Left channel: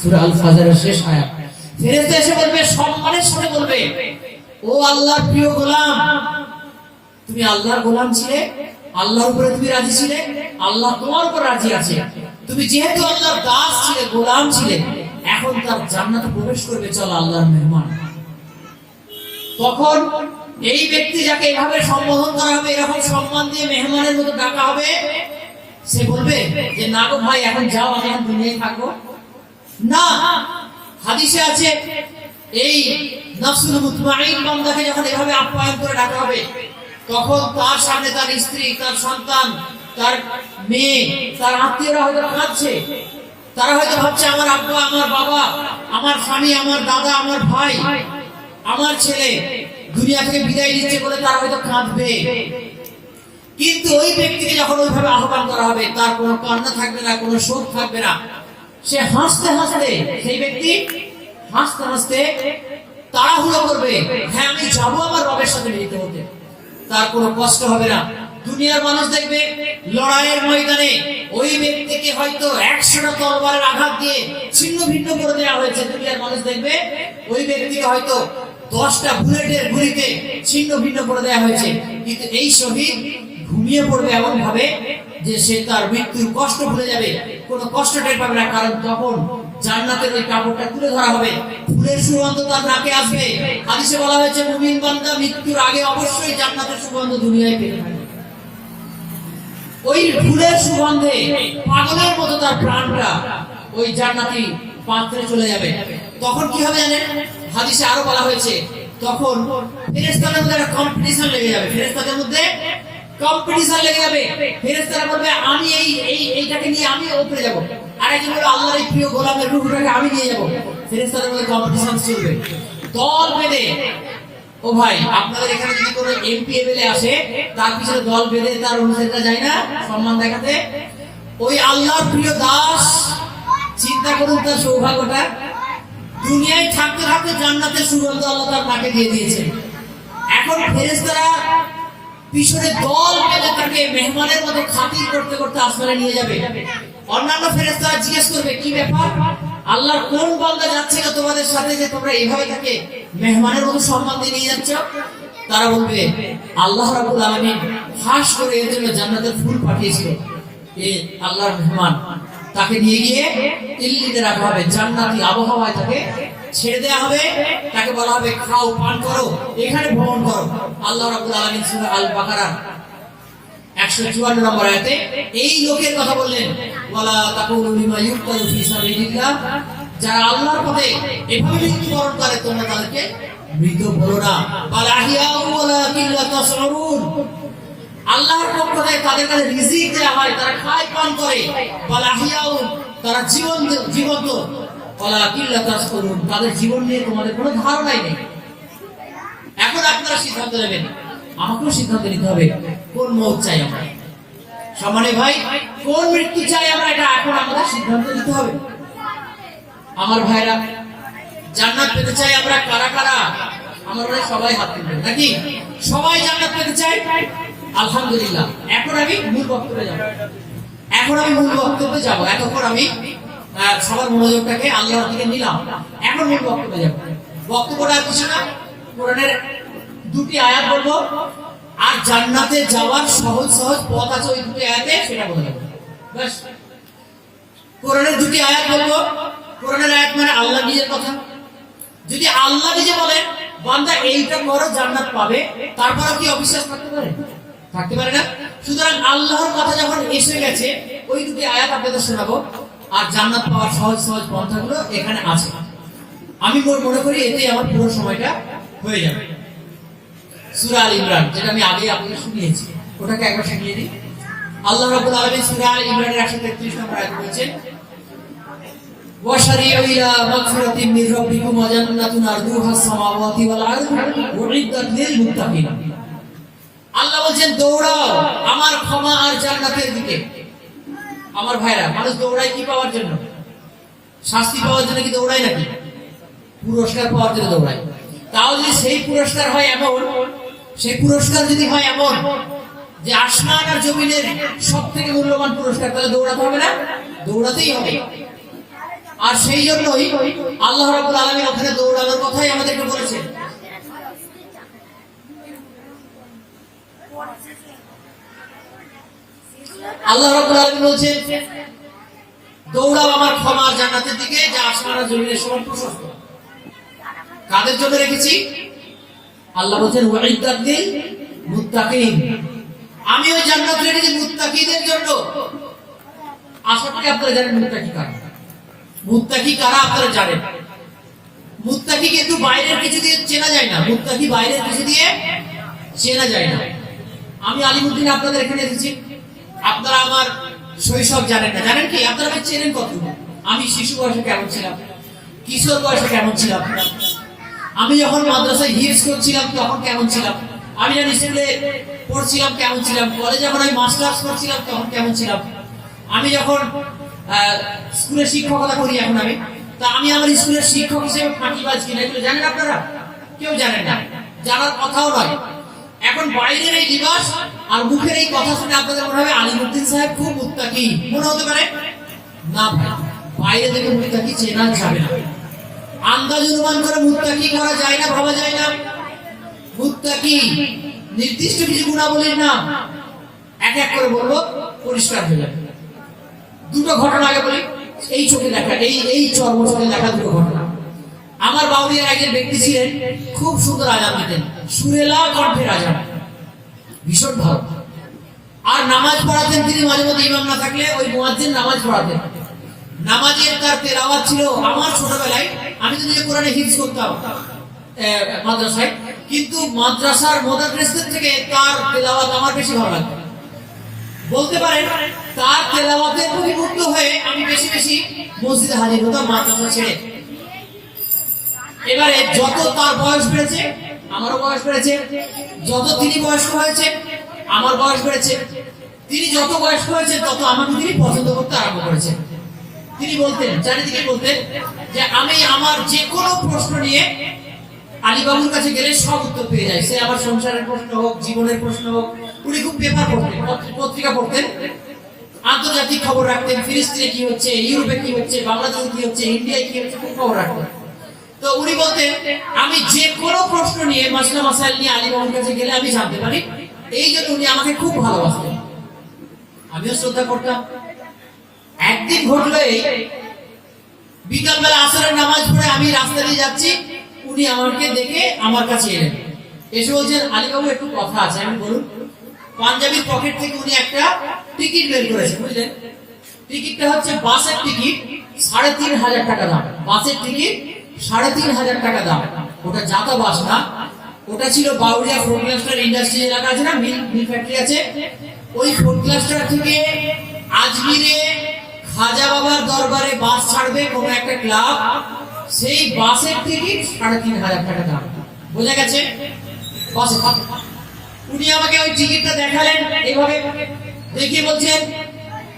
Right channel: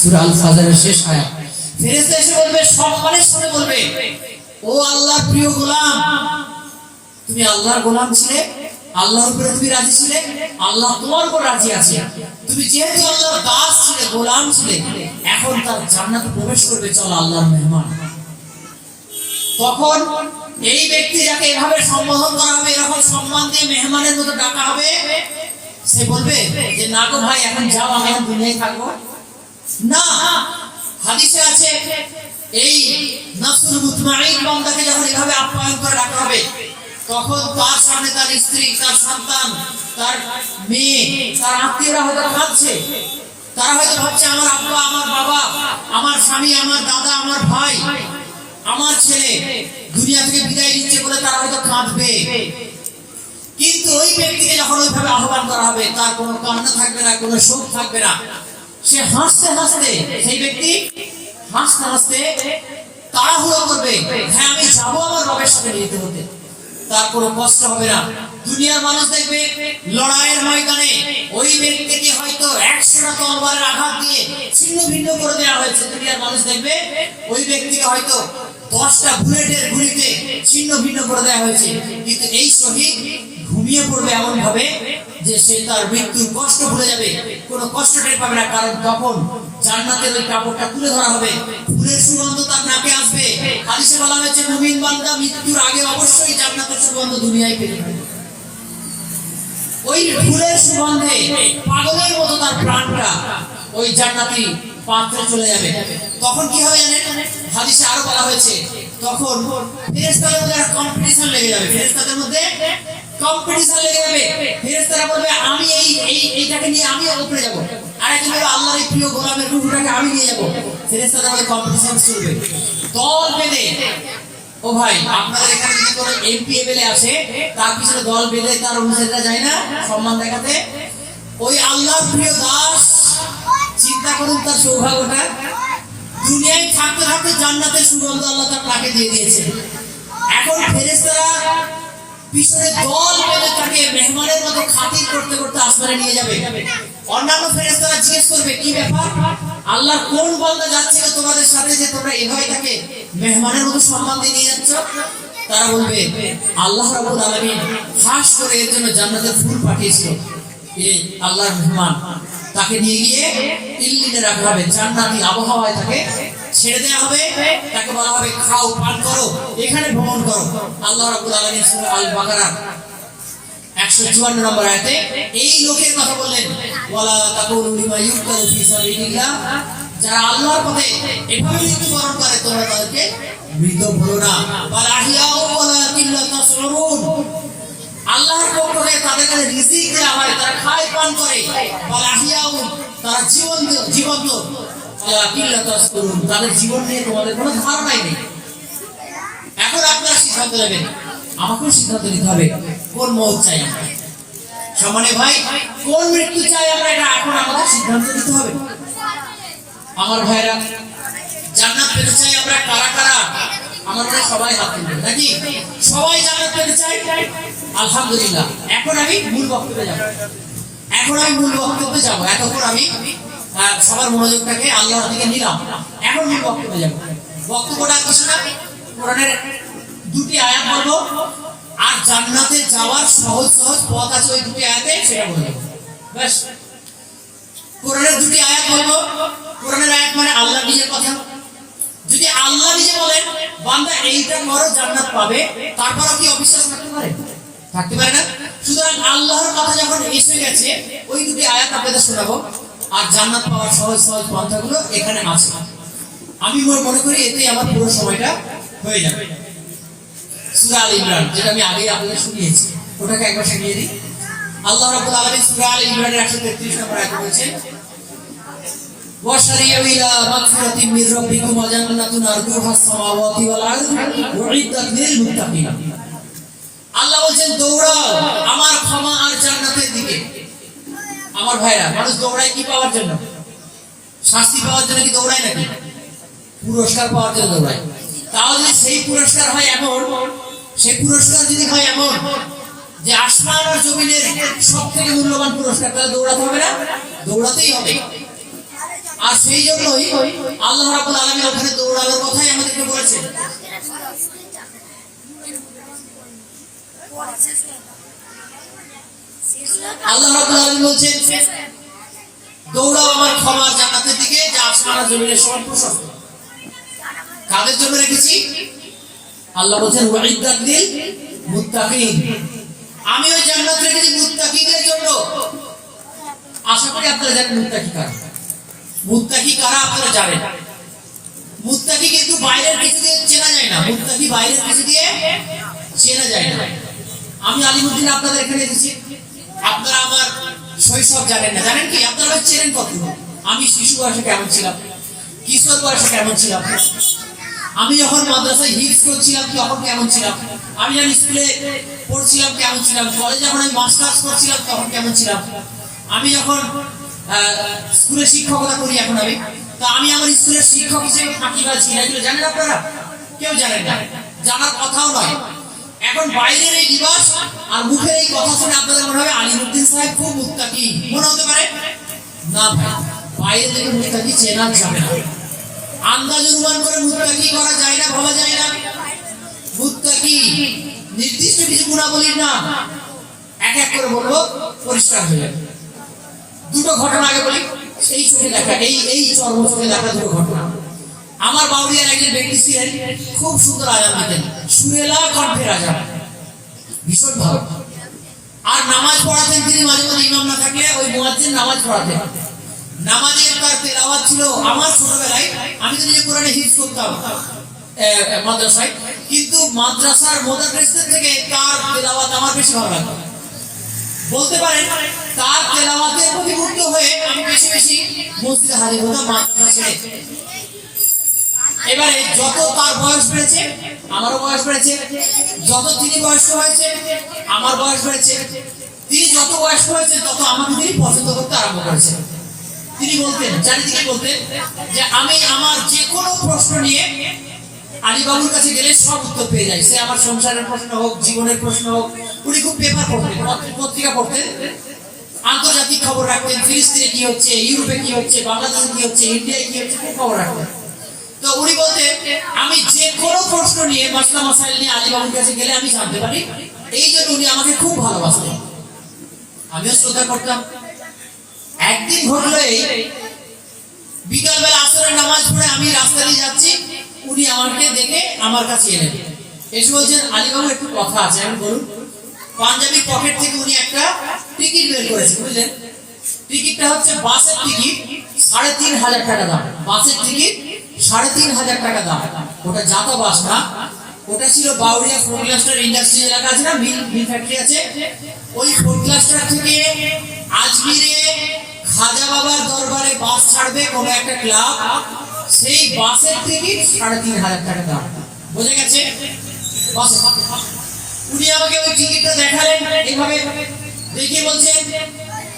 সূরা আল ফাজরের শেষ আয়াত। ফেরেশতা এসে বলবে, সম্মানের সাথে বলবে, ও আল্লাহর প্রিয় গোলাম, তুমি আল্লাহর গোলাম ছিলে, আল্লাহর উপরে তুমি রাজি ছিলে, আল্লাহ তোমার উপর রাজি আছে। তুমি যেহেতু আল্লাহর দাস ছিলে, গোলাম ছিলে, এখন তার জান্নাতে প্রবেশ করবে, চলো আল্লাহর মেহমান। তখন এই ব্যক্তি যাকে এভাবে সম্বোধন করা হবে, এরকম সম্মান দিয়ে মেহমানের মতো ডাকা হবে, সে বলবে যে না গো ভাই, এখন যাও, আমি এখন দুনিয়ায় থাকবো না। হাদিসে আছে, এই নফসুল মুতমাইন বান্দাকে যখন এভাবে আপ্যায়ন করে ডাকা হবে, তখন তার সামনে তার স্ত্রী, তার সন্তান, তার মেয়ে, তার আত্মীয়রা হয়তো কাঁদছে। তারা হয়তো ভাবছে, আমার আব্বা, আমার বাবা, আমার স্বামী, আমার দাদা, আমার ভাই, আমার ছেলে দুনিয়া থেকে বিদায় নিচ্ছে বলে তারা হয়তো কাঁদবে। কিন্তু ওই ব্যক্তিকে যখন ওইভাবে আহ্বান করা হবে, তার কোনো কান্না থাকবে না, কোনো শোক থাকবে না। সে হাসতে হাসতে, সেই ব্যক্তি হাসতে হাসতে তাড়াহুড়ো করবে, হ্যাঁ আমি যাবো আমার রবের সাথে মিলিত হতে। তার কোনো কষ্ট হবে না। দুনিয়ার মানুষ দেখবে লড়াইয়ের ময়দানে ওই ব্যক্তিকে হয়তো 100টা তরবারের আঘাত দিয়ে ছিন্ন ভিন্ন করে দেওয়া হয়েছে। দুনিয়ার মানুষ দেখবে ওই ব্যক্তিকে হয়তো 10টা বুলেটের গুলিতে ছিন্ন ভিন্ন করে দেওয়া হয়েছে, কিন্তু এই শহীদ ঘুমিয়ে পড়বে এমন ভাবে যে সে তার মৃত্যুর কষ্ট ভুলে যাবে, কোনো কষ্ট টের পাবে না। কারণ তখন জান্নাতের ওই কাপড়টা তুলে ধরা হবে, ফুলের সুগন্ধ তার নাকে আসবে। হাদিসে বলা হয়েছে, মুমিন বান্দা মৃত্যুর আগে অবশ্যই জান্নাতের সুগন্ধ দুনিয়ায় পেতে থাকবে। ওই ফুলের সুগন্ধে পাগলের মতো তার প্রাণটা ওই জান্নাতি পাত্রে চলে যাবে। তখন কি হবে জানেন? হাদিসে আরো বলা হয়েছে, তখন ফেরেশতাদের মধ্যে একটা কম্পিটিশন লেগে যাবে। ফেরেশতাদের মধ্যে কম্পিটিশন লেগে যাবে। ফেরেশতারা বলবে, আমি এইটাকে নিয়ে আমি উপরে যাব, আরেকজন বলবে আল্লাহর এই প্রিয় গোলামের রূহটাকে আমি নিয়ে যাব। ফেরেশতাদের মধ্যে কম্পিটিশন চলবে, দল বেঁধে। ও ভাই, আপনাদের এখানে যদি কোনো এমপি এমএলএ আসে, তার পিছনে দল বেঁধে তার অনুসারীরা যায় না সম্মান দেখাতে? ওই আল্লাহর প্রিয় দাস, চিন্তা করুন তার সৌভাগ্যটা। দুনিয়ায় থাকতে থাকতে জান্নাতের সুগন্ধ আল্লাহ তার নাকে দিয়ে দিয়েছে। এখন ফেরেশতারা পিছনে দল বেঁধে তাকে মেহমানের মতো খাতির করতে করতে আসমানে নিয়ে যাবে। অন্যান্য ফেরেশতারা জিজ্ঞেস করবে, কি ব্যাপার, আল্লাহর কোন বান্দা যাচ্ছে না তোমাদের সাথে যে তোমরা এভাবে তাকে মেহমানের মতো সম্মান দিয়ে নিয়ে যাচ্ছ? তারা বলবে, আল্লাহ রাব্বুল আলামিন খাস করে এর জন্য জান্নাতের ফুল পাঠিয়েছিল। এই আল্লাহর মেহমান, তাকে নিয়ে গিয়ে ইল্লিনে রাখা হবে, জান্নাতি আবহাওয়ায় তাকে ছেড়ে দেওয়া হবে। তাকে বলা হবে, খাও, পান করো, এখানে ভ্রমণ করো। আল্লাহ রাব্বুল আলামিন সূরা আল বাকারা 154 নম্বর আয়াতে এই লোকের কথা বললেন, ওয়ালা তাকুলু লিমা ইউক্তালু ফি সাবিলিল্লাহ, যারা আল্লাহর পথে এভাবে মৃত্যুবরণ করে তোমরা তাদেরকে মৃত বলো না। বালাহিয়াউ ওয়ালাকিন লা তাশউরুন, আল্লাহর পক্ষ থেকে তাদের কাছে রিজিক দেওয়া হয়, তারা খায় পান করে। বালাহিয়াউ, তারা জীবন্ত। ওয়ালাকিন লা তাশউরুন, তাদের জীবন নিয়ে তোমাদের কোনো ধারণাই নেই। এখন আপনারা সিদ্ধান্ত নেবেন, আমাকেও সিদ্ধান্ত নিতে হবে, কোন মৌত চাই আমরা। সম্মানিত ভাই, কোন মৃত্যু চাই আমরা, এটা এখন আমাদের সিদ্ধান্ত নিতে হবে। আমার ভাইরা, জান্নাত পেতে চাই আমরা কারা কারা? আমার ভাই সবাই হাত তুলবেন নাকি? সবাই জান্নাত পেতে চাই? আলহামদুলিল্লাহ। এখন আমি মূল বক্তব্যে যাব। এতক্ষণ আমি সবার মনোযোগটাকে আল্লাহর দিকে নিলাম। এখন মূল বক্তব্যে যাব। বক্তব্যটা কিছু না, কোরআনের 2টি আয়াত বলবো, আর জান্নাতে যাওয়ার সহজ সহজ পথ আছে ওই 2টি আয়াতে, সেটা বলে দেবো। ব্যাস, কোরআনের 2টি আয়াত বলবো। কোরআনের আয়াত মানে আল্লাহ নিজের কথা। যদি আল্লাহ নিজে বলেন বান্দা এইটা করো জান্নাত পাবে, তারপরও কি অবিশ্বাস করতে পারে? থাকতে পারে না। সুতরাং আল্লাহর কথা যখন এসে গেছে, ওই 2টি আয়াত আপনাদের শোনাবো, আর জান্নাত পাওয়ার সহজ সহজ পন্থাগুলো এখানে আছে। আমি মনে করি এতেই আমার পুরো সময়টা হয়ে যাবে। সূরা আল ইমরান, যেটা আমি আগে আপনাদের শুনিয়েছি, ওটাকে একবার শুনিয়ে দিই। আল্লাহ রাব্বুল আলামিন সূরা আল ইমরানের 133 নম্বর আয়াতে বলেছেন, ওয়াশারিউ ইলা মাগফিরাতিন মির রাব্বিকুম ওয়া জান্নাতুন আরদুহা আস-সামাওয়াতি ওয়াল আরদু উইদ্দাত লিল মুত্তাকিন। আল্লাহ বলেন, দৌড়াও আমার ক্ষমা আর জান্নাতের দিকে। আমার ভাইরা, মানুষ দৌড়ায় কি পাওয়ার জন্য? শাস্তি পাওয়ার জন্য কি দৌড়ায় নাকি? পুরস্কার পাওয়ার জন্য দৌড়ায়। তাহলে সেই পুরস্কার হয় এমন, সেই পুরস্কার যদি হয় এমন যে আসমান আর জমিনের সবথেকে মূল্যবান পুরস্কার, তাহলে দৌড়াতে হবে না? দৌড়াতেই হবে। আর সেই জন্যই আল্লাহ রাব্বুল আলামিন ওখানে দৌড়ানোর কথাই আমাদেরকে বলেছেন। আল্লাহ রাব্বুল আলামিন বলেছেন, দৌড়াও আমার ক্ষমার জান্নাতের দিকে, যা আসমান আর জমিনের সমান প্রশস্ত। কাদের জন্য রেখেছি? আল্লাহ বলেছেন ওয়াইদাত লিল মুত্তাকিন, আমি ওই জান্নাত রেখেছি মুত্তাকিদের জন্য। আশা করি আপনারা জানেন মুত্তাকি কারা। মুত্তাকি কারা আপনারা জানেন। মুত্তাকি কিন্তু বাইরের কিছু দিয়ে চেনা যায় না, মুত্তাকি বাইরের কিছু দিয়ে চেনা যায় না। আমি আলিমুদ্দিন আপনাদের এখানে এসেছি, আপনারা আমার শৈশব জানেন না। জানেন কি? আপনারা আমাকে চেনেন কত? আমি শিশু বয়সে কেমন ছিলাম, কিশোর বয়সে কেমন ছিলাম, আমি যখন মাদ্রাসায় হিফজ করছিলাম তখন কেমন ছিলাম, আমি যখন স্কুলে পড়ছিলাম কেমন ছিলাম, কলেজে যখন আমি মাস্টার্স করছিলাম তখন কেমন ছিলাম, আমি যখন স্কুলে শিক্ষকতা করি এখন আমি, তা আমি আমার স্কুলের শিক্ষক হিসেবে ফাঁকিবাজ কিনা, এগুলো জানেন আপনারা? কেউ জানেন না, জানার কথাও নয়। এখন বাইরের এই লিবাস আর মুখের এই কথা শুনে আপনাদের মনে হবে আলিমুদ্দিন সাহেব খুব মুত্তাকি মনে হতে পারে। না ভাই, বাইরে থেকে মুত্তাকি চেনা যাবে না। আন্দাজ অনুমান করে মুত্তাকি করা যায় না, ভাবা যায় না। মুত্তাকি নির্দিষ্ট কিছু গুণাবলীর নাম এক এক করে বলবো, পরিষ্কার হয়ে যাবে। দুটো ঘটনা আগে বলি, এই চোখে দেখা, এই চর্ম চোখে দেখা দুটো ঘটনা। আমার বাউরিয়ার একজন ব্যক্তি ছিলেন, খুব সুন্দর আজান দিতেন, সুরেলা কণ্ঠের আজান, ভীষণ ভালো। আর নামাজ পড়াতেন তিনি, মাঝে মাঝে ইমাম না থাকলে ওই মুয়াজ্জিন নামাজ পড়াতেন। নামাজের তার তেলাওয়াত ছিল, আমার ছোটবেলায় আমি তো নিজে কোরআনে হিফজ করতাম মাদ্রাসায়, কিন্তু মাদ্রাসার মুদাররিসদের থেকে তার তেলাওয়াত আমার বেশি ভালো লাগতো। বলতে পারেন তার তেলাওয়াতের প্রতি মুগ্ধ হয়ে আমি বেশি বেশি মসজিদে হাজির হতাম মাদ্রাসা ছেড়ে। এবারে যত তার বয়স বেড়েছে আমারও বয়স বেড়েছে, যত তিনি বয়স্ক হয়েছে আমার বয়স বেড়েছে, তিনি যত বয়স্ক হয়েছে তত আমাকে তিনি পছন্দ করতে আরম্ভ করেছেন। তিনি বলতেন, চারিদিকে বলতেন যে আমি আমার যে কোনো প্রশ্ন নিয়ে আলীবাবুর কাছে গেলে সব উত্তর পেয়ে যায়। সে আমার সংসারের প্রশ্ন হোক, জীবনের প্রশ্ন হোক। উনি খুব পেপার পড়তেন, পত্রিকা পড়তেন, আন্তর্জাতিক খবর রাখতেন, ফিলিস্তিনে কি হচ্ছে, ইউরোপে কি হচ্ছে, বাংলাদেশে কি হচ্ছে, ইন্ডিয়ায় কি হচ্ছে, খুব খবর রাখতেন। তো উনি বলতেন আমি যে কোনো প্রশ্ন নিয়ে, মাসলা মাসাইল নিয়ে আলীবাবুর কাছে গেলে আমি জানতে পারি। এই জন্য উনি আমাকে খুব ভালোবাসতেন, আমিও শ্রদ্ধা করতাম। একদিন ঘটলো বিকালবেলা আসরের নামাজ পড়ে আমি রাস্তা দিয়ে যাচ্ছি, উনি আমাকে দেখে আমার কাছে এলেন, এসে বলছেন আলীবাবু একটু কথা আছে। আমি বলুন। পাঞ্জাবির পকেট থেকে উনি একটা টিকিট বের করেছেন, বুঝলেন? টিকিটটা হচ্ছে বাসের টিকিট, ৩,৫০০ টাকা দাম। বাসের টিকিট ৩,৫০০ টাকা দাম। ওটা যাতা বাস না, ওটা ছিল বাউরিয়া ফোর্ট ক্লাস্টার ইন্ডাস্ট্রি এলাকা আছে না, মিল ফ্যাক্টরি আছে, ওই ফোর্ট ক্লাস্টার থেকে আজমিরে খাজা বাবার দরবারে বাস ছাড়বে কোন একটা ক্লাব, সেই বাসের টিকিট ৩,৫০০ টাকা দাম। বোঝা গেছে? উনি আমাকে ওই টিকিটটা দেখালেন, এইভাবে দেখিয়ে বলছেন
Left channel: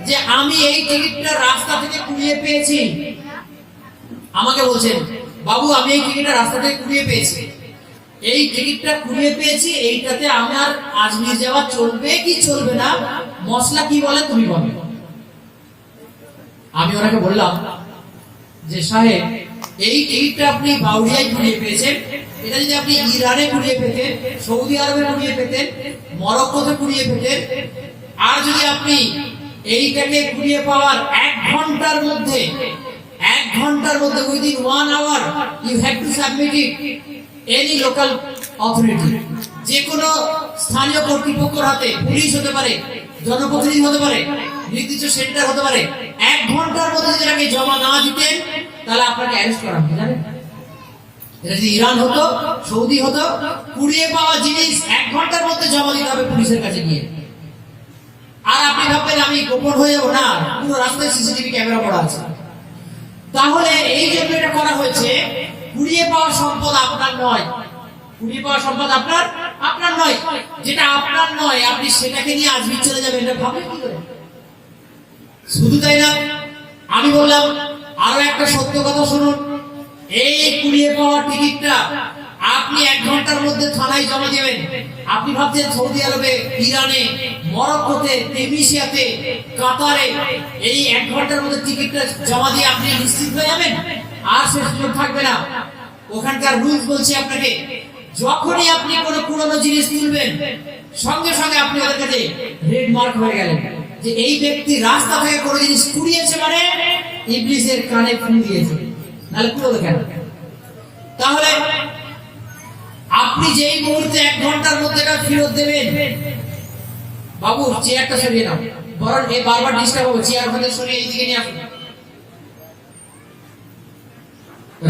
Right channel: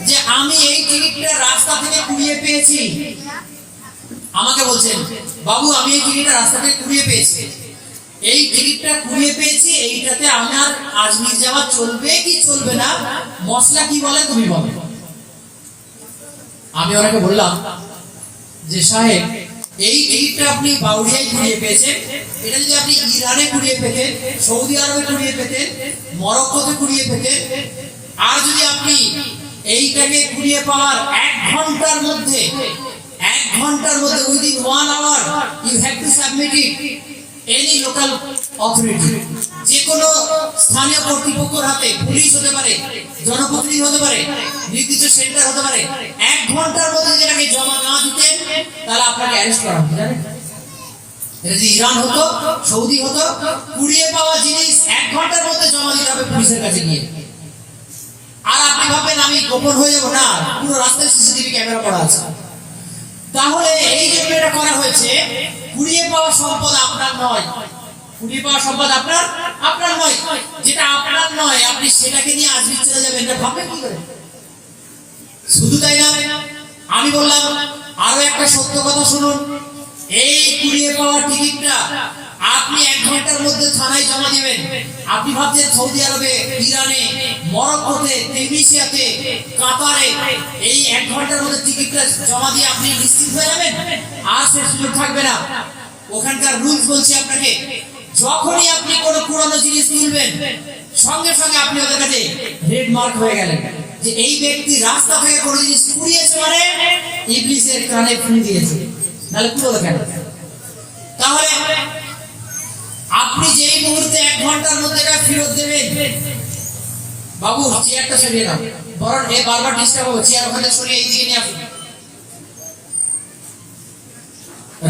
যে আমি এই টিকিটটা রাস্তা থেকে কুড়িয়ে পেয়েছি। আমাকে বলছেন বাবু আমি এই টিকিটটা রাস্তা থেকে কুড়িয়ে পেয়েছি, এই টিকিটটা কুড়িয়ে পেয়েছি, এইটাতে আমার আজমির যাওয়া চলবে কি চলবে না, মশলা কি বলে তুমি বলো। আমি ওনাকে বললাম যে সাহেব এই টিকিটটা আপনি বাউরিয়ায় কুড়িয়ে পেয়েছেন, এটা যদি আপনি ইরানে কুড়িয়ে পেতেন, সৌদি আরবে কুড়িয়ে পেতেন, মরক্কোতে কুড়িয়ে পেতেন, আর যদি আপনি এইটাকে কুড়িয়ে পাওয়ার 1 ঘন্টার মধ্যে within 1 hour you have to submit it any local authority, যে কোনো স্থানীয় কর্তৃপক্ষের হাতে, পুলিশ হতে পারে, জনপ্রতিনিধি হতে পারে, নির্দিষ্ট সেন্টার হতে পারে, 1 ঘন্টার মধ্যে যেটাকে জমা না দিতেন তাহলে আপনাকে অ্যারেস্ট করা হতো। জানেন? এটা যদি ইরান হতো, সৌদি হতো, কুড়িয়ে পাওয়া জিনিস 1 ঘন্টার মধ্যে জমা দিতে হবে পুলিশের কাছে গিয়ে। আর আপনি ভাববেন আমি গোপন হয়ে যাবো, না, পুরো রাস্তায় সিসিটিভি ক্যামেরা করা আছে। তাহলে এই যে এটা করা হয়েছে, কুড়িয়ে পাওয়া সম্পদ আপনার নয়, কুড়িয়ে পাওয়া সম্পদ আপনার নয়, যেটা আপনার নয় আপনি সেটাকে নিয়ে আজমির চলে যাবেন, না ভাববেন কি করে? শুধু তাই না, আমি বললাম আরো একটা সত্য কথা শুনুন, এই কুড়িয়ে পাওয়া টিকিটটা আপনি 1 ঘন্টার মধ্যে থানায় জমা দেবেন। আপনি ভাবছেন সৌদি আরবে, ইরানে, মরক্কোতে, তিউনিসিয়াতে, কাতারে এই 1 ঘন্টার মধ্যে টিকিটটা জমা দিয়ে আপনি নিশ্চিত হয়ে যাবেন? আর সে সুযোগ থাকবে না। ওখানকার রুলস বলছে আপনাকে, যখনই আপনি কোনো পুরনো জিনিস তুলবেন, সঙ্গে সঙ্গে আপনি ওদের কাছে রেড মার্ক হয়ে গেলেন যে এই ব্যক্তি রাস্তা থেকে কোনো জিনিস কুড়িয়েছে, মানে ইবলিসের কানে ফোন দিয়েছে, নাহলে কুড়োলো কেন? তাহলে আপনি যেই মুহূর্তে 1 ঘন্টার মধ্যে এটা ফেরত দেবেন, বাবু চেয়ারটা সরিয়ে দাও, বরং এ বারবার ডিস্টার্ব হবে, চেয়ার ওখানে সরিয়ে এইদিকে নিয়ে আসুন।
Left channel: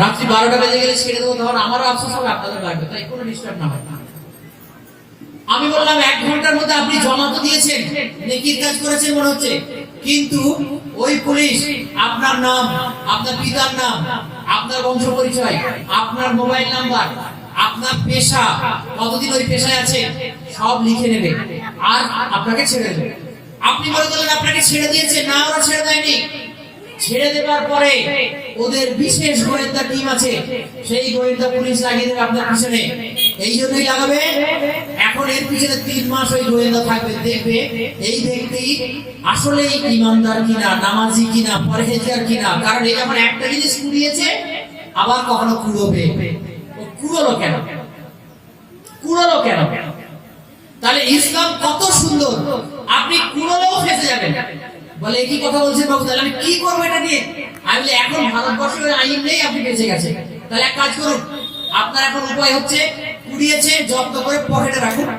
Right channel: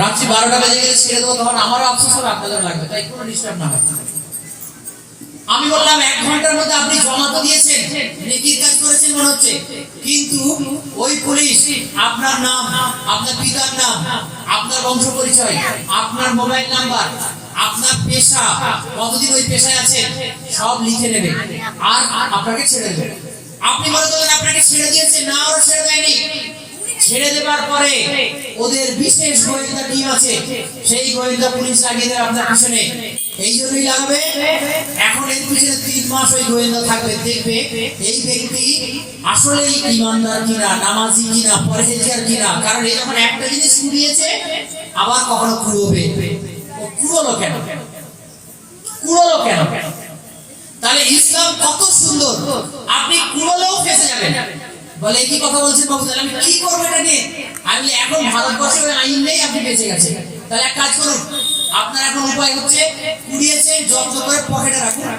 রাত্রি 12টা বেজে গেলে ছেড়ে দেবো, তখন আমারও আফসোস হবে, আপনাদের লাগবে, তাই কোনো ডিস্টার্ব না হয়। আমি বললাম 1 ঘন্টার মধ্যে আপনি জমা তো দিয়েছেন, নেকির কাজ করেছেন মনে হচ্ছে, কিন্তু ওই পুলিশ আপনার নাম, আপনার পিতার নাম, আপনার বংশ পরিচয়, আপনার মোবাইল নাম্বার, আপনার পেশা, কতদিন ওই পেশায় আছে সব লিখে নেবে আর আপনাকে ছেড়ে দেবে। আপনি মনে করলেন আপনাকে ছেড়ে দিয়েছে, না, ওরা ছেড়ে দেয়নি। ছেড়ে দেওয়ার পরে ওদের বিশেষ গোয়েন্দা টিম আছে, সেই গোয়েন্দা পুলিশ লাগিয়ে দেবে আপনার পিছনে। এই জন্যই লাগাবে, এখন এর পিছনে 3 মাস ওই গোয়েন্দা থাকবে, দেখবে এই ব্যক্তি আসলেই ইমানদার কিনা, নামাজি কিনা, পরহেজগার কিনা। কারণ এই আমার একটা জিনিস কুড়িয়েছে, আবার কখনো কুড়োবে। ও কুড়োলো কেন? কুড়োলো কেন? তাহলে ইসলাম কত সুন্দর, আপনি কুড়োলেও ফেঁসে যাবেন। বলে কি কথা বলছেন বাবু, তাহলে আমি কি করবো এটা নিয়ে? আমি এখন ভারতবর্ষের আইন নেই, আপনি বেঁচে গেছেন। তাহলে এক কাজ করুন, আপনার এখন উপায় হচ্ছে, কুড়িয়েছে যত্ন করে পকেটে রাখুন,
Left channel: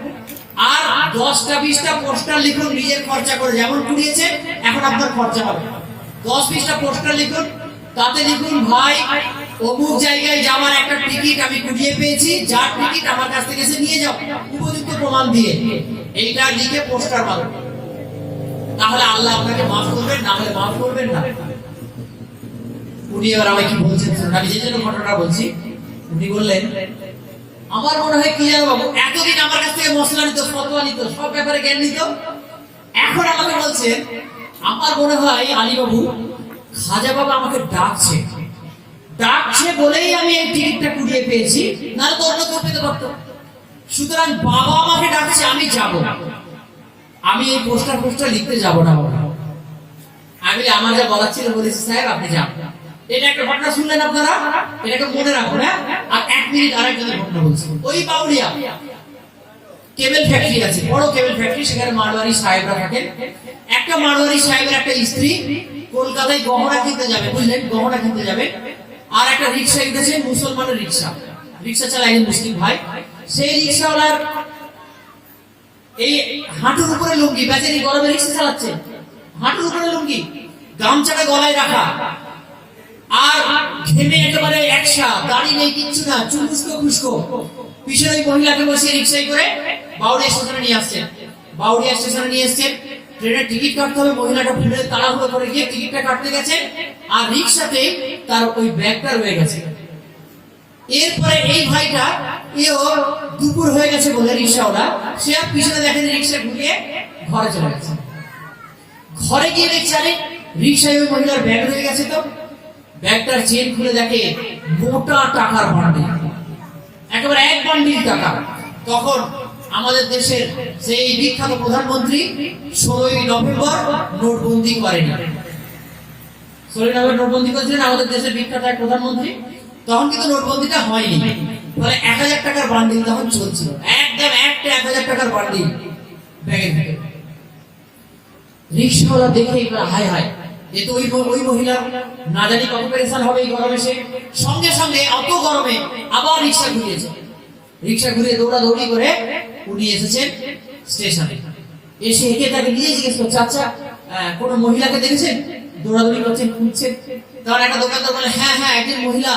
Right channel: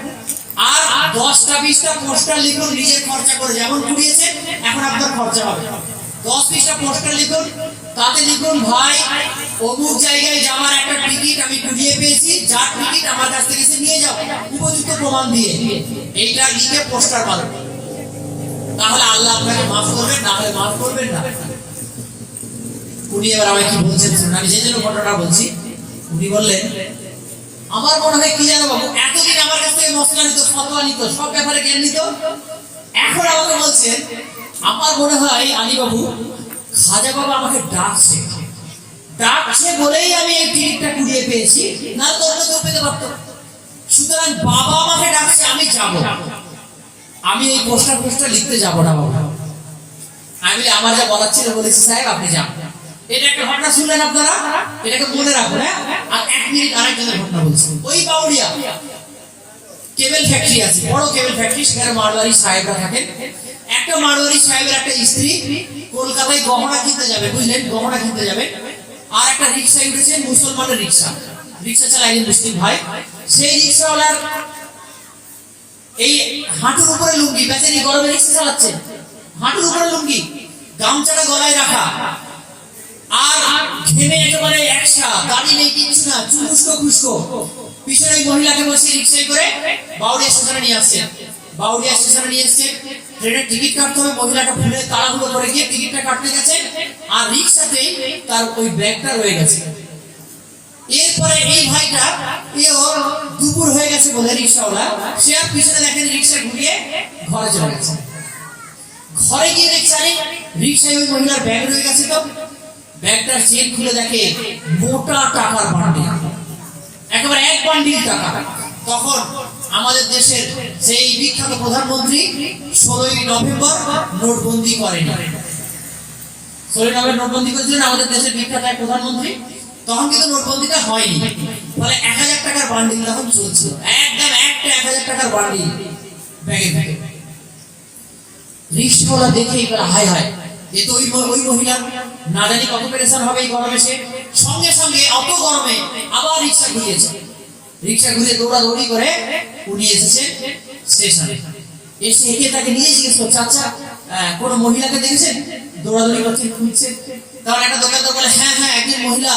আর 10টা 20টা পোস্টার লিখুন নিজের খরচা করে, যেমন কুড়িয়েছে এখন আপনার খরচা হবে। 10-20টা পোস্টার লিখুন, তাতে লিখুন, ভাই অমুক জায়গায় যাওয়ার একটা টিকিট আমি কুড়িয়ে পেয়েছি, যার টিকিট আমার কাছ থেকে এসে নিয়ে যাও উপযুক্ত প্রমাণ দিয়ে। এইটা লিখে পোস্টার মারুন, তাহলে আল্লাহ আপনাকে মাফ করবেন, না হলে মাফ করবেন না। উনি এবার আমায় কি বলছেন শুনুন, আমি যে জন্য ঘটনাটা বলছি। উনি বললেন, আমার মনে হয় কি জানো বাবু, এতদিন আমার কাছ থেকে মশলা নিত, ফতোয়া নিত, সব ব্যাপারে জ্ঞান নিত, এখন আমাকে বলছেন আমার মনে হয় আলী বাবু, খাজা বাবা আমাকে ডাকছে, ডাকছে বলেই আমি এই টিকিটটা কুড়িয়ে পেয়েছি, না তো অন্য কেউ পেতে পারতো। সুতরাং বাবা আমাকে ডাকছে, আমি যাব, আমি এই পোস্টার লিখতে যাব না বাবা। আমি আমার যা বলার ছিল বলেছি, সাহেব আপনি যান। এটা একটা ঘটনা শুনলেন আপনারা, এটাকে মনে রাখুন। আর 1 মিনিট আরেকজনের ঘটনা বলছি। ওই বাউরিয়া কেবল ফ্যাক্টরি আছে, বড় কেবল ফ্যাক্টরি, সেখানে মারওয়ারি সাহেবরা থাকেন। একটা মারওয়ারি সাহেবের একটা স্ত্রী কলকাতায় গহনা কিনতে যাবে, বুঝলেন, গহনা কিনতে যাবে। আর একটা রিক্সায় উঠেছে, মুসলমানের রিক্সা চালায় একজন মুসলিম ভাই। সেই রিক্সাওয়ালার এই হাঁটুর উপরে লুঙ্গি, বেচারি গরমে রিক্সা চালাচ্ছে, হাঁটুর উপরে লুঙ্গি, গামছাটা গলায় রাখা, আর ঘেমে একেবারে একসা, গাড়ি নেই, কিচ্ছু না, চুলুস্কো খুস্কো। পিছনে ওই মহিলাকে বসিয়ে রিক্সায় করে বাউরিয়া স্টেশনে নিয়ে আসছেন। বাউরিয়া স্টেশনে নিয়ে এসছেন, ট্রেনের টিকিট কাটতে হবে। মহিলাটা ভুলে তাড়াহুড়ো করে গিয়ে টিকিটটা কাটতে গেছে, আর রিক্সাতে তার ওই ব্যাগটা রয়ে গেছে। এরপরে এই ভাইটা দুপুর হয়ে গেছে বলে রিক্সাওয়ালা, সে আর পিছনে দেখেন রিক্সা ঘুরিয়ে ঘরে চলে গেছে। ঘরে গিয়ে রিক্সায় ওই মহিলার ব্যাগ রয়ে গেছে। তো ব্যাগটার চেন খুলে দেখে মোটা টাকার বান্ডিল, একেবারে 1 বান্ডিল টাকা। তখন আমাদের দেশের সেই বিখ্যাত প্রধানমন্ত্রী 16ই নভেম্বর নোটবন্দি করেন। 16ই নভেম্বর নোটবন্দি করেছিলেন আমাদের দেশের বিখ্যাত এক প্রধানমন্ত্রী। তখন কিন্তু নোটবন্দিটা হয়নি, ফলে 1000 টাকার বান্ডিল তখন চলছিল, একদম একটা 1000 টাকার বান্ডিল ব্যাগে থেকে। রিক্সাওয়ালা দেখে হায় হায়, এ তো ওই মহিলা, না জানি কত পেরেশান হবে এই গরমে। সে সঙ্গে সঙ্গে অত গরমে আবার রিক্সা ঘুরিয়েছে, রিক্সা ঘুরিয়ে দৌড়াদৌড়ি করে উনি এসেছেন স্টেশনে। এসে একে তাকে নিয়ে জিজ্ঞেস করছে, আচ্ছা কোনো মহিলাকে দেখেছেন দৌড়াদৌড়ি করছেন, খুঁজছেন? তখন একটা দোকানদার বলে, হ্যাঁ হ্যাঁ, একজন মহিলা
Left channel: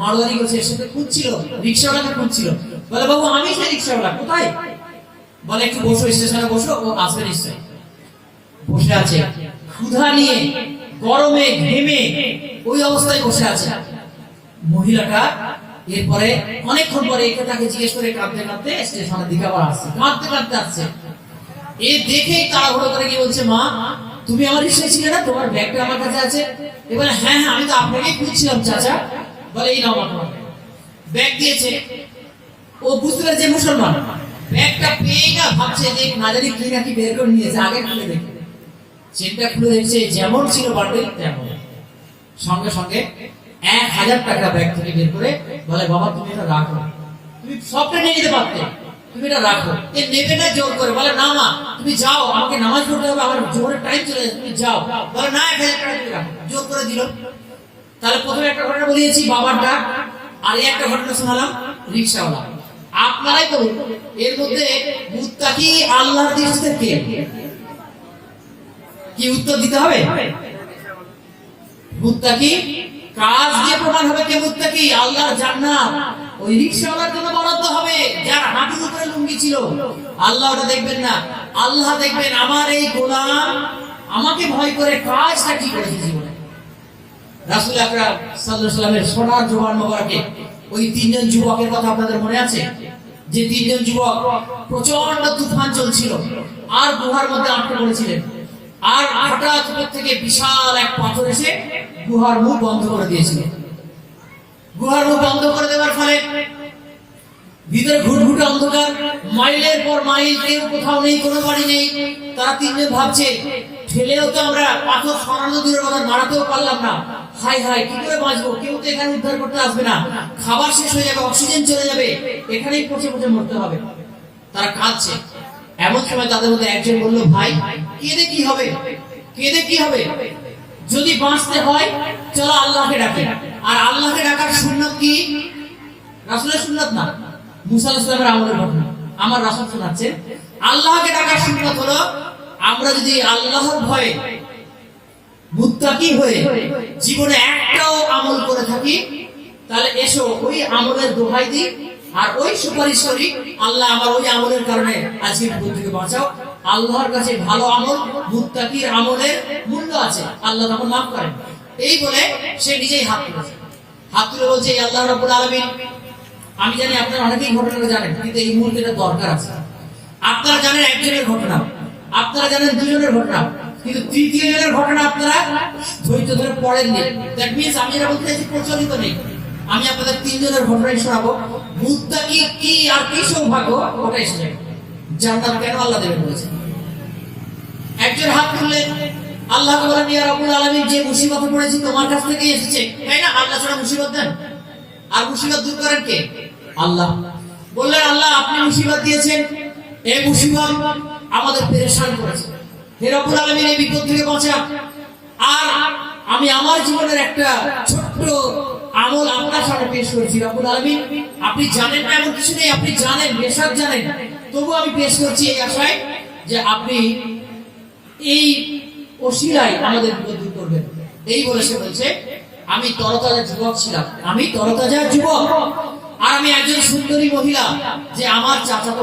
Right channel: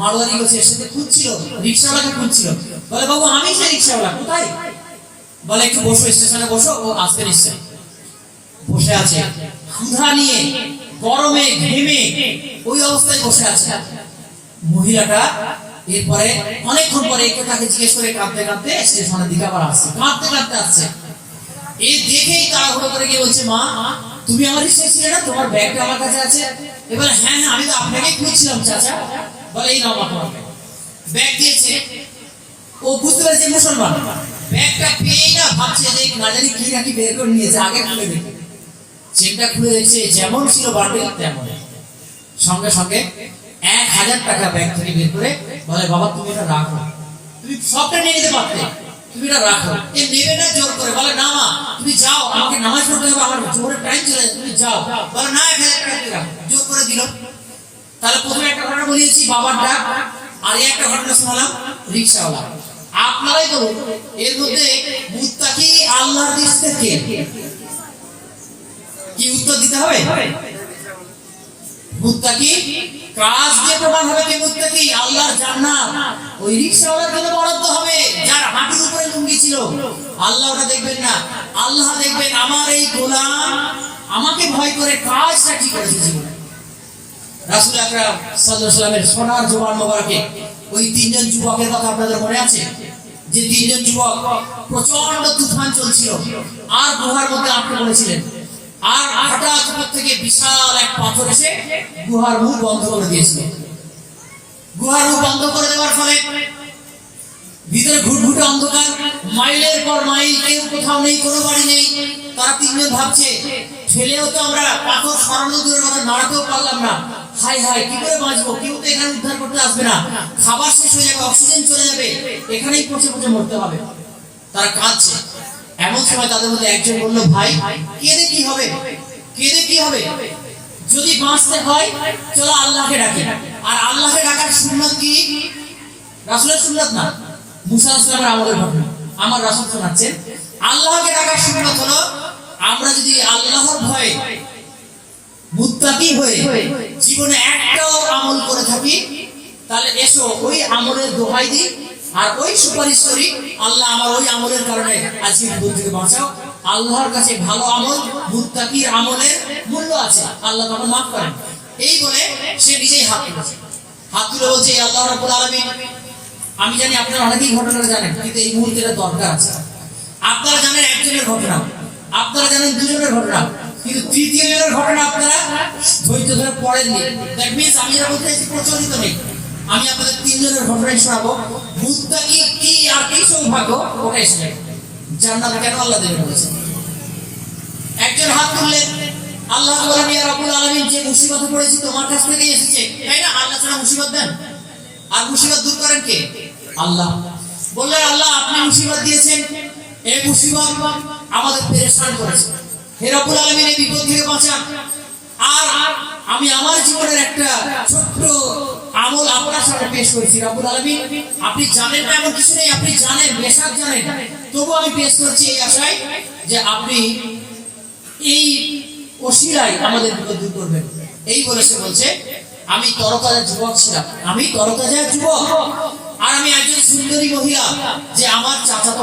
মারোয়ারি করছে, এর সাথে খুঁজছিল, রিক্সাওয়ালাকে খুঁজছিল। বলে, বাবু আমি সেই রিক্সাওয়ালা, কোথায়? বলে, একটু বসো, স্টেশনে বসো, ও আসবে নিশ্চয়। বসে আছে, ক্ষুধা নিয়ে, গরমে ঘেমে ওই অবস্থায় বসে আছে মহিলাটা। এরপরে অনেকক্ষণ পরে একে তাকে জিজ্ঞেস করে কাঁদতে কাঁদতে স্টেশনের দিকে আবার আসছে, কাঁদতে কাঁদতে আসছে। এ দেখেই তাড়াহুড়ো করে গিয়ে বলছে, মা তুমি আমার রিক্সায় ছিলে না, তোমার ব্যাগটা আমার কাছে আছে। এবারে হ্যাঁ হ্যাঁ, আমি তো আপনাকেই খুঁজছিলাম চাচা। বলে, এই নাও তোমার ব্যাগ দিয়েছে। ও বুঝতে পারে যে মুসলমান, ব্যাগটা পেয়েই না ভাবছে যে না জানি কি নাকি বের করে নিয়েছে, আগে খুলে দেখে চেকটা খুলে দেখছে যেমন ছিল বান্ডেল তেমন। সঙ্গে সঙ্গে 1000 টাকা ব্যাগ থেকে বের করে বলে, বাবা তুমি এটা রাখো, তুমি সবটা নিয়ে নিতে পারতে, তুমি এটা রাখো। এ নেবে না জোর করে, বলে না মা তুমি যাও, আমাকে নামাজ পড়তে হবে, আমার জোরে টাইম চলে যাচ্ছে, তুমি যাও। বলে না 1000 টাকা তুমি রাখো, জোর করে দিল। তাহলে প্রথমে একটা ঘটনা বলিয়েছি বাবার ডাক, আর এই একটা ঘটনা শোনালাম রিকশাওয়ালা। আপনারাই বলুন এর মধ্যে মুত্তাকি আল্লাহর দৃষ্টিতে কে? কি উত্তর দিতে হবে? মুত্তাকি কাজ দিয়ে প্রমাণ হবে কে মুত্তাকি। আল্লাহর জান্নাত ওই রিকশাওয়ালার জন্য বরাদ্দ হবে যার হাঁটুর উপরে লুঙ্গি ছিল। আল্লাহ ওটা দেখবেন না, আল্লাহ দেখবেন আমার এই গোলাম আমাকে ভয় করে কাজটা কি করেছে জীবনে। রাসূল আকরাম সাল্লাল্লাহু আলাইহি ওয়াসাল্লামের সোনার জওয়ান মোবারকে ওই তিনজন যুবকের কথা আপনাদের মনে আছে? যে তিনজন যুবক প্রচন্ড তুফান চলছিল আর গুহার মধ্যে আটকে পড়েছিলেন, আর হঠাৎ উপর থেকে বিশাল এক পাথর এসে গুহার মুখ বন্ধ করে দিয়েছিল। গুহার মুখ বন্ধ করে দেওয়ার ফলে ভিতরে ঘুটঘুটে অন্ধকার, মাইলের পর মাইল, কেউ কোথাও নেই, কোনো বাড়ি নেই। তারা তিনজন ভাবছে ঠেলেও তো আমরা পাথর সরানো দূরের কথা, নাড়াতেও পারলাম না, হাই হাই কি করে বাঁচবো, কেউ তো এখানে উদ্ধার করতে আসবে না, খাবার শেষ হয়ে যাবে, অক্সিজেন চলে যাবে, এখানেই পচে পচে মরতে হবে। তারা কাঁদছে। এমন সময় তাদের মধ্যে একজন বলল, ভাই কেঁদে কি হবে, কেঁদে কি হবে, যদি বাঁচতে হয় চলো আল্লাহকে ডাকি। আর আল্লাহকে ডাকার সুন্নাত কি? রাসূলের সুন্নাত না, মুসা আলাইহিস সালামের আমলের ঘটনা আমার রাসূল শোনাচ্ছেন। আল্লাহকে ডাকার সুন্নাত হলো আমরা যদি আল্লাহর ভয়ে মুত্তাকি হয়ে জীবনে একটাও আমল করে থাকি, তাহলে এসো ওই আমলের দোহাই দিই আর ওই সুপারিশ করি, আল্লাহ আমার ওই আমলের কারণে আজকে বিপদ থেকে বাঁচাও। আল্লাহর কাছে ভালো আমল, মুত্তাকির আমলের মূল্য আছে, আল্লাহ তখন মাফ করেন। এই বলে সে নিজেই হাত তুলেছে, হাত তুলে বলছে, আল্লাহ রাব্বুল আলামিন, আমি জানি আপনারা অনেকেই ঘটনাটা জানেন, কিন্তু এই মুহূর্তে এটা দরকার আছে। আপনারা জানেন একজনের ঘটনা, আপনারা জানেন দুজনের ঘটনা, কিন্তু তৃতীয় জনের ঘটনা আপনারা ধৈর্য ধরে পড়েননি। দ্যাট মিন্স আমি এটা বলতে চাইছি প্রচলিত নেই। আমি আপনাদের তিনজনের ঘটনাই শোনাবো। মুত্তাকি কি আর কি সৌভাগ্য ওটা এসে জান্নাত কেন আল্লাহ দেবেন বলেছেন। একজন হাত তুললেন, আল্লাহ বললেন, ইয়া রাব্বুল আলামিন, যে মুসিবতে পড়েছি তোমার কাছ থেকেই এসেছে, তাই না? আল্লাহ ছাড়া মুসিবত দেন, আর মুসিবত দূর করেন কে? আল্লাহ। বললেন, আল্লাহ আপনি মুসিবত দিয়েছেন, এই মুসিবত আমাদের পেরেশান করেছে, হে রব্বুল আলামিন এই বিপদ থেকে বাঁচান। আর আমি আমার জীবনের একটা ছোট্ট আমল আপনার সামনে পেশ করেছি, রব্বুল আলামিন আপনি জানেন না এমন কিছু নেই, আপনি জানেন, বেশক জানেন, তবু আমি পেশ করছি এই আশায় যে আপনি এই ওসিলায় আমাদের বিপদ দূর করবেন। এই বলে সে বলছে, আমি তরতাজা যুবক ছিলাম, আমি তরতাজা যুবক, আর আমি একজন সুন্দরী মহিলা, যে আমার চাচাতো